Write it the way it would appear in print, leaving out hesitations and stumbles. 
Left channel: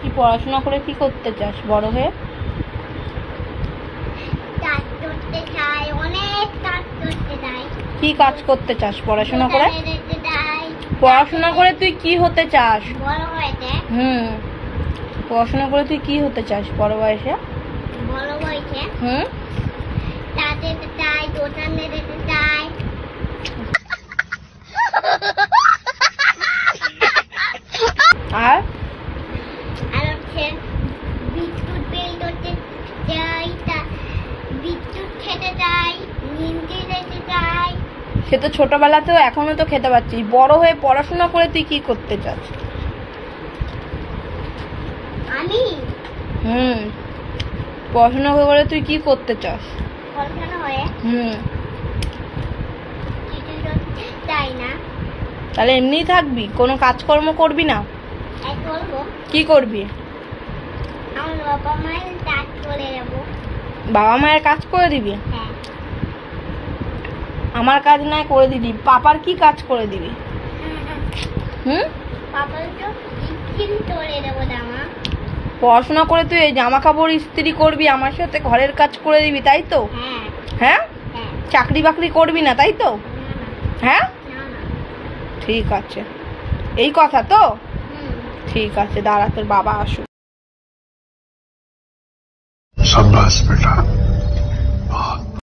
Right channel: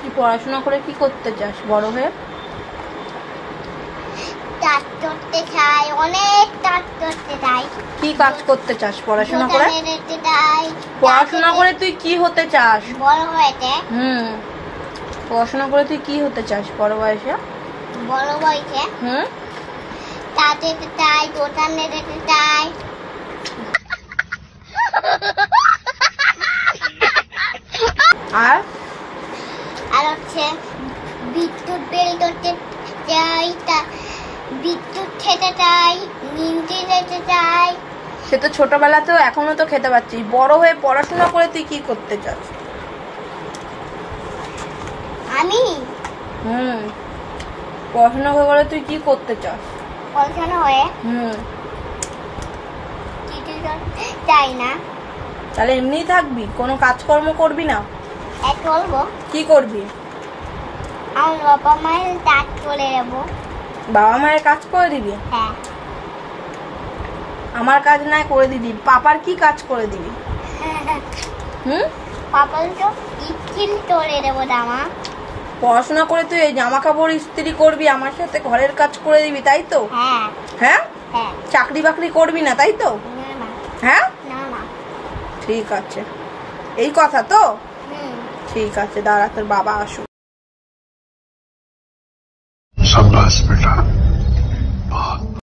কি পড়াশোনা করে কি করতে চাস বড় হয়ে? কাজ করতে চাই, অনেক কাজ করতে চাই। কি কাজ করতে চাস পড়াশোনা করে? পড়াশোনা করে তুই কি হতে চাস বড় হয়েছে? পড়াশোনা করে তুই কি হতে চাস বড় বয়সে? বড় বয়সে কাজ করতে চাই, দোকানে যেতে চাই। আর হচ্ছে বিদ্যুৎ বিল করতে চাই, বিদ্যুৎ খেতে চাই, নিমকি যেতে চাই। সে তো ছোটবেলাতেও এখনো তো খেতে পাচ্ছিস। বড় হয়ে পড়াশোনা করে তুই কি করতে চাস? আমি পড়াশোনা করে তুই কি করতে চাস? পড়াশোনা হয়ে কিছু করতে চাই না। তাহলে এমনিই থাকবি, কোনো কাজকর্ম করবি না? করবো। কি করবি? আমার বাবা মায়ের কাজ করে দেবো। বাবা মায়ের কাজ করে দিবি? হ্যাঁ। আমার কাজ না করে দিবি, পাপার কি কাজ করে দিবি? পাপার তো স্কিল করে দেবো জামা। পড়াশোনা করে তুই এই জামা কাপড় ইস্ত্রি করবি, আমার সাথে ঘরের কাজ করে দিবি, তাই তো? হ্যাঁ। হ্যাঁ? হ্যাঁ। চাকরি বাকরি করবি না, তাই তো? না। হ্যাঁ? না না। ঠিক আছে, এই কথা তো? ঠিক আছে, দাঁড়া তোর বাবা আসুক। शाबाश बेटा।